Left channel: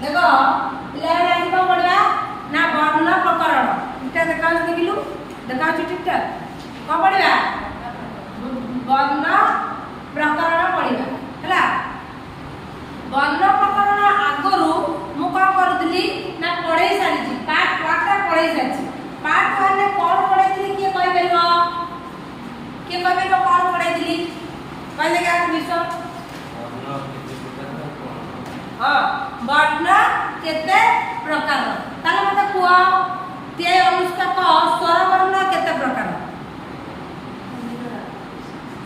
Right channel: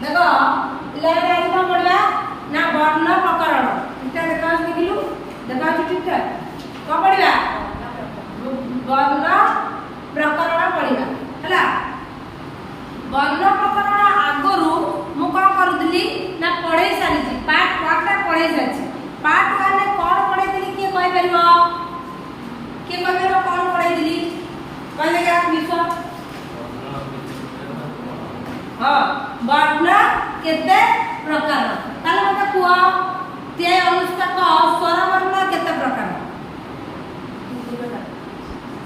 देखो पिलाने आज कौन पढ़वा ना वर्ण प्रकरण ठीक देखा देखिलु देखा ठीक ठाक कौन पढ़वा वर्ण प्रकरण पढ़वा है वर्ण प्रकरण आगरू मु कौन करूली ना पढ़े सारी पार्ट वन पढ़े सारी पार्ट वन कौन पढ़े किए कहीपर किए कहीपर कौन पढ़े कहले विश्व हाँ वर्ण केते प्रकार ताले मते कुआ ते अनुष्का को स्वर वर्ण केते प्रकार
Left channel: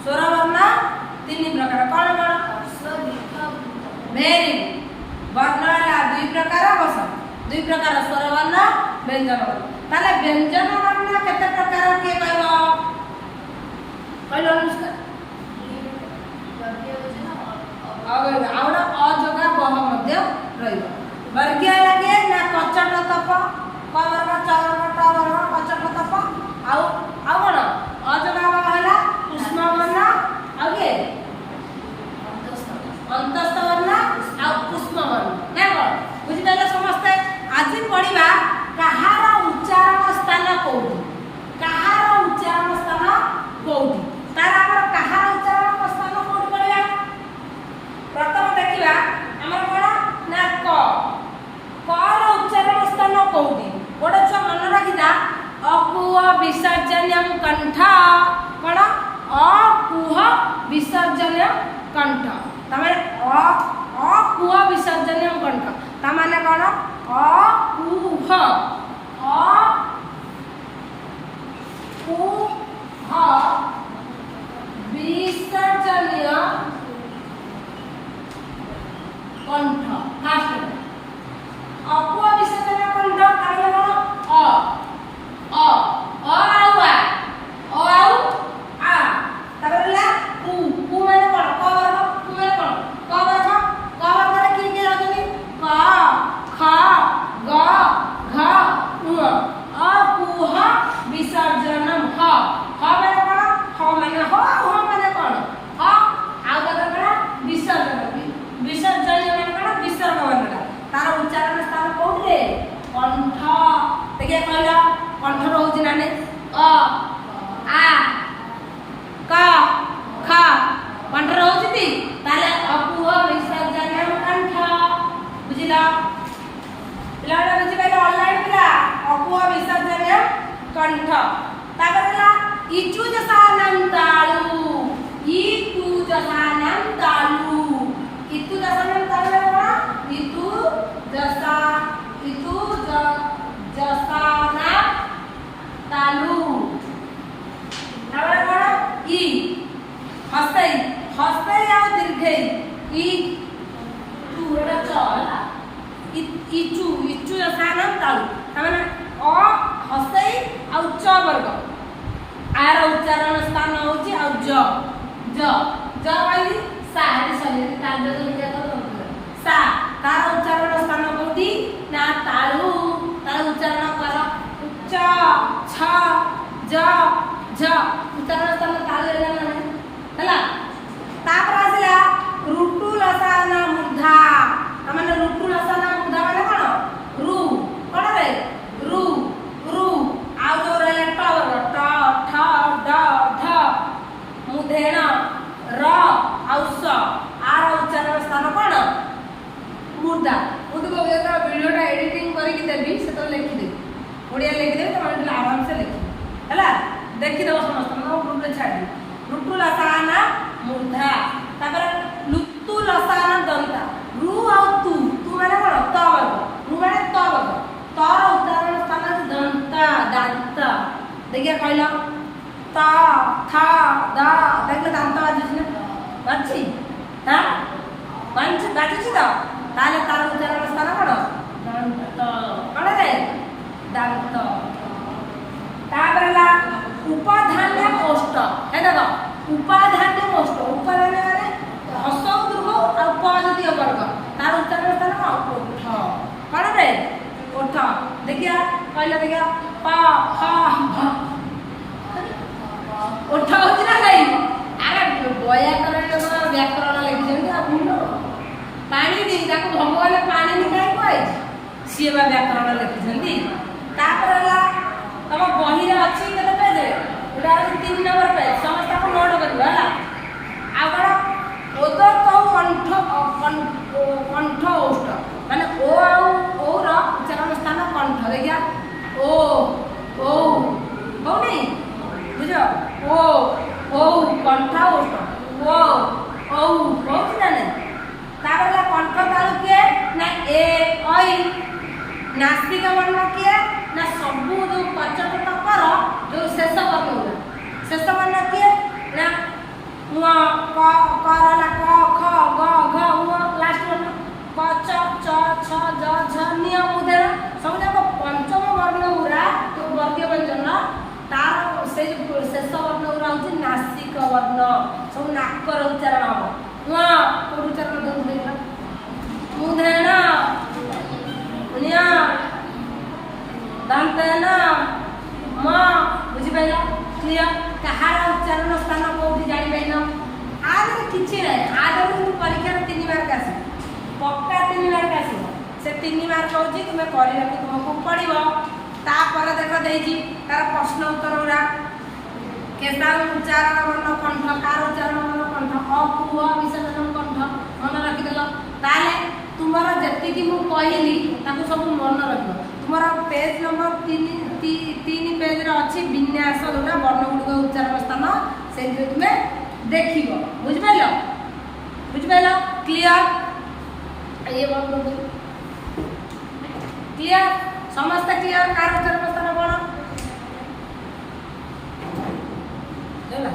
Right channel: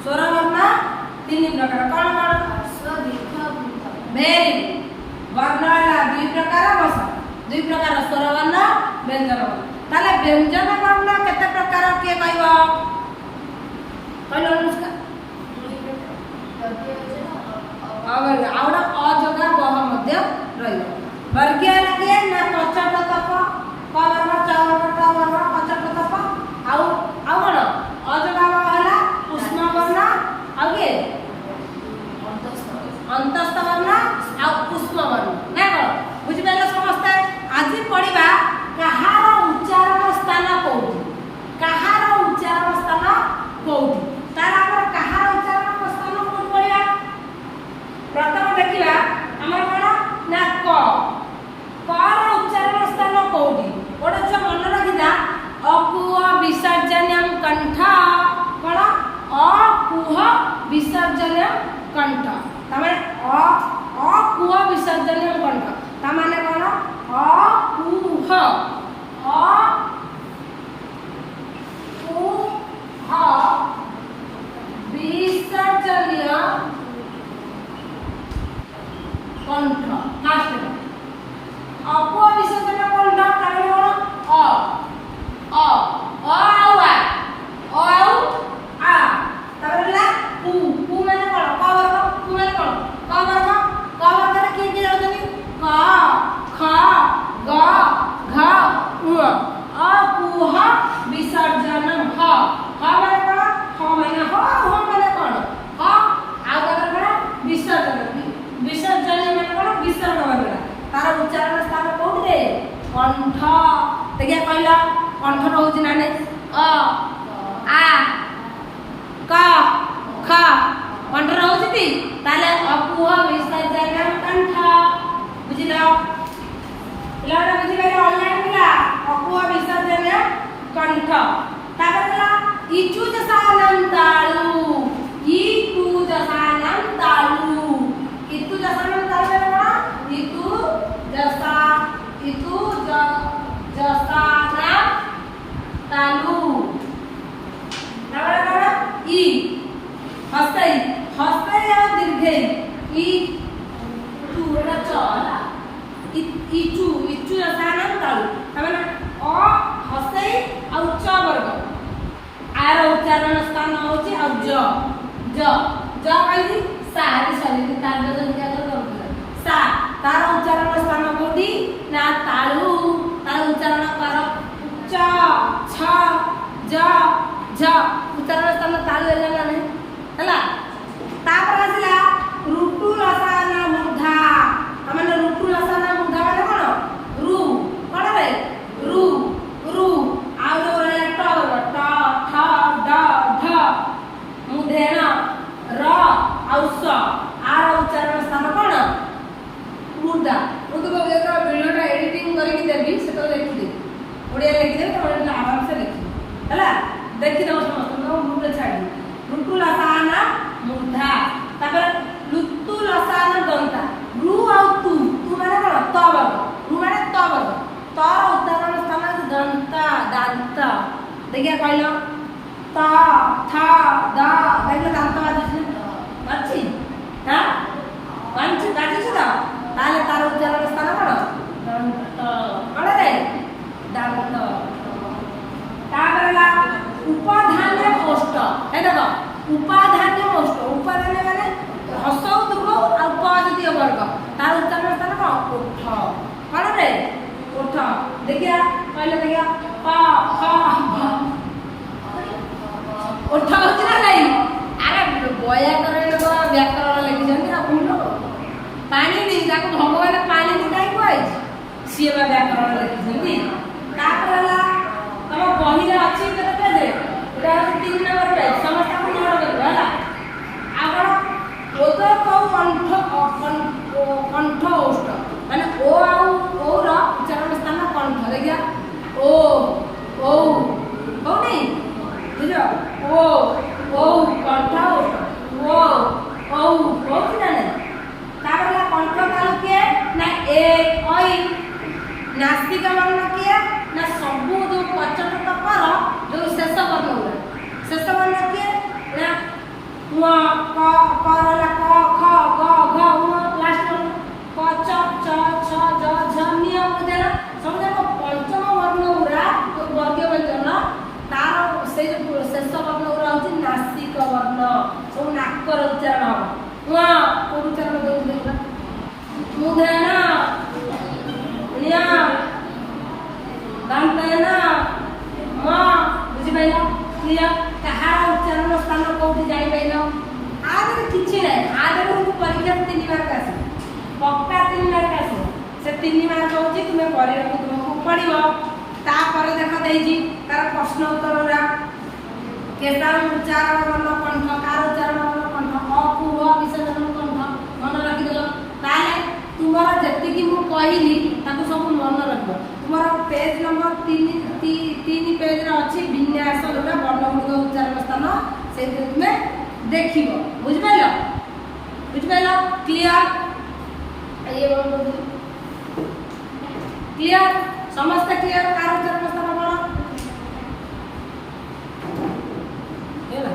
स्वर वर्ण तीन प्रकार कौन कौन वेरी वर्ण ला दुई प्रकार बस दुई प्रकार स्वर वर्ण व्यंजन वर्ण ताले व्यंजन वर्ण केते प्रकार के कहबो कहलो अनुष्का आउडा अजगा बह मध्य रहिबो वर्गीय लागे ना कचट तप कवर्ग चवर्ग टवर्ग कचट तप आउ कोन अजगा बह हला उष्म वर्ण आगे अंतस्थ वर्ण आ उष्म वर्ण ना बुझि पाइले समस्त आज पढ़िबा कहार उच्चारण स्थान कोठी कहार उच्चारण स्थान कोठी तार हमर कहार उच्चारण स्थान कोठी पढ़िबा प्रथम देखिला हमर कोन ना कार उच्चारण स्थान कोठी ओडा छ मन राखिना अकुह विसर्जनम कंठ कोन अकुह विसर्जनम कंठ तमाने अकुह विसर्जनम कंठ तमाने कोन अकुह विसर्जनीय कंठ फास्ट अपुआ विसर्जन कंठ ताले कोन आउ आ ताबरला कु माने कोन क वर्ग कु माने कोन क वर्ग रे की की जाउतनी क ख ग घ उ अकुह विसर्जनम ह माने कोन ह माने हो माने कोन ह आउ ताबर कोन विसर्जन विसर्जन माने कोन विसर्ग वर्ण तार उच्चारण स्थान कोठी रे कंठ देखिए कहला कंठ रहउछि ना ने अ आ क ख कंठ रहउछि ती ताले अकुह विसर्जनम कंठ बुझिला पिलाडा बुझि पाइले ऑनलाइन पिला अकुह विसर्जनम कंठ ताबरला इचु जसानम ताळु इतु जसानम ताळु इतु जसानम ताळु इतु जसा इतु जसाना तालु ताबरे कोन ई हस्तई आ दीर्घई ई तू एटा चला इचु जसाना तालु तमाने अ हस्तई आ च वर्ग आर उच्चारण स्थान होची आ ज कहि सारी शरीर ताल जो निका कर सा तार उच्चारण स्थान कोठी ना तालु तार उच्चारण कर उच्च छ ज झ उच्चारण स्थान तालु एला ना हला तापर आसिला ऋतु लसाना मूर्धा तमाने ऋतु लसाना मूर्धा माने कोन रु कोन रे रु आउ जो रहला ट ठ ड ढ मुधेण र आउ स आर उच्चारण स्थान कोन मूर्धा मुझे को एटा वीडियोटा एडिटिंग करके देबी से तो लिखि दे ओडिया लिखि दे तमन आराम से लिखि हला देखि दो समस्त नो मुर्ले छाडी ऋतु लसाना मूर्धा तापर लुतु लसाना दंता रु आ तू माने कोन त वर्ग रु माने त वर्ग तर उच्चारण स्थान दंता दांत देखिया कहला त थ द देखिला दांत बाजि अछि हां पंच गाठी छ ताले तार उच्चारण स्थान कोन दंत कोन रे दांत ताबरला उपाधान्य ओष्ठ हे देखो उपाधान्य ओष्ठ उपाधान्य माने हसौ दुर्ग आ पजती वर्ग तार उच्चारण स्थान कोन ओठ कोन रे ओठ देखिया कहले देखिया प ख भ ओठ होची ना नहीं अरे व्याकरण लिखिଛନ୍ତି आ भूल ପାଣିନି ତାକୁ ଭଗବାନ ପାଣିନି କାହିଁ କୁହାଯାଇଛି ସିଏ ବା ବ୍ୟାକରଣ ଲେଖିଛନ୍ତି। ତାପରେ ହେଲା ତମ ବହିରେ ଅଛି କେତେ ପେଜରେ ଏଇଟା ହେଉଛି 3 ନମ୍ବର ପେଜ ସମସ୍ତଙ୍କୁ ନୋଟ୍ କରିବ ହେଲା। ଆଉ କ'ଣ ଓଦତ କଣ୍ଠ ଔଷ୍ଠ ମାନେ ଓ ଆଉ ଓର ଉଚ୍ଚାରଣ ସ୍ଥାନ କଣ୍ଠ ଦେଖିଆ ଓ ଔ ହଉନି ବୁଝ ଓ ଔ କଣ୍ଠ ଔଷ୍ଠ ଓ ଔ ହଉଛି ନା ନାହିଁ। ତାପରେ ହେଲା କଣ୍ଠ ତାଳୁ କିଏ ନା ଏ ଐ ନାସିକା ବର୍ଣ୍ଣ କିଏ ନା ସବୁ ଯୋଉ ପଞ୍ଚତତ୍ଵ ପର ଯୋଉ ଶେଷ ବର୍ଣ୍ଣ ଗୁଡ଼ା ଶେଷ ବର୍ଣ୍ଣ କିଏ ନା ଙ କ ହେଲା କ ଖ ଗ ଘ ଙ ଲାଷ୍ଟ ବର୍ଣ୍ଣ କ ଚ ଛ ଜ ଝ ଞ ଉଦାହରଣ ସବୁ ଯାକ ପଞ୍ଚମ ବର୍ଣ୍ଣ ଗୁଡ଼ା ଯୋଉ ବର୍ଗୀୟ ବ୍ୟଞ୍ଜନ ତାର ସେଇ ଯୋଉ ଶେଷ ବର୍ଣ୍ଣ ଗୁଡ଼ା ହଉଛି ନାସିକ ବର୍ଣ୍ଣ ସବୁ ନାକର ଉଚ୍ଚାରଣ ହବ। ଙ କୋଉ ଉଚ୍ଚାରଣ ଦଉଛି ଦେଖିବା ମୁଧେନ ନ୍ୟ ଦନ୍ତନ ମ ବୁଝିପାରିଲ କ୍ଲିୟର କାହାର ଉଚ୍ଚାରଣ ସ୍ଥାନ କୋଉଠି ଜାଣିପାରିଲ। ଆଦେହରେ କିଛି ନାହିଁ ଆଦେହରେ ମୁଁ ପରୀକ୍ଷାରେ 3 ମାର୍କ ଆସିବ ପକ୍କା 3 ମାର୍କ ଆସିବ ସେ 3 ମାର୍କ ହେଉଛି ତୁମେ କରିବାକୁ ତୁମକୁ ପଡ଼ିବ। ତାପରେ ଦେଖ ଦେଇଛି ତାର ପ୍ରଶ୍ନ ଉତ୍ତର ଗୁଡ଼ା କେଦାର ଉଚ୍ଚାରଣ ବର୍ଣ୍ଣ କଣ୍ଠ କାର ଉଚ୍ଚାରଣ ବର୍ଣ୍ଣ କଣ୍ଠ ଅକୁ ଅ ବିସର୍ଜନ କଣ୍ଠ ମନେ ରଖିଦେଲ। ତାହେଲେ ତୁମର ଯେତିକି ମୁଁ କହିଲି ତାକୁ ସବୁ ମନେ ରଖିବ। ତୁମର ପେଜ ନମ୍ବର 3 ପେଜରେ ଅଛି ବିନ୍ୟାସ ଯୋଉଟା ବର୍ଣ୍ଣ ଗୁଡ଼ିକ ଉଚ୍ଚାରଣ ସ୍ଥାନ ସେଇଥିରେ ତୁମେ ଦେଖିବ ବୁଝିପାରିଲ ବୁଝିପାରିଲ କ୍ଲିୟର ଇଏ ବର୍ଣ୍ଣ କ୍ଲିୟର ସମସ୍ତେ କ୍ଲିୟର କାର ଉଚ୍ଚାରଣ ସ୍ଥାନ କ'ଣ ହେଲା।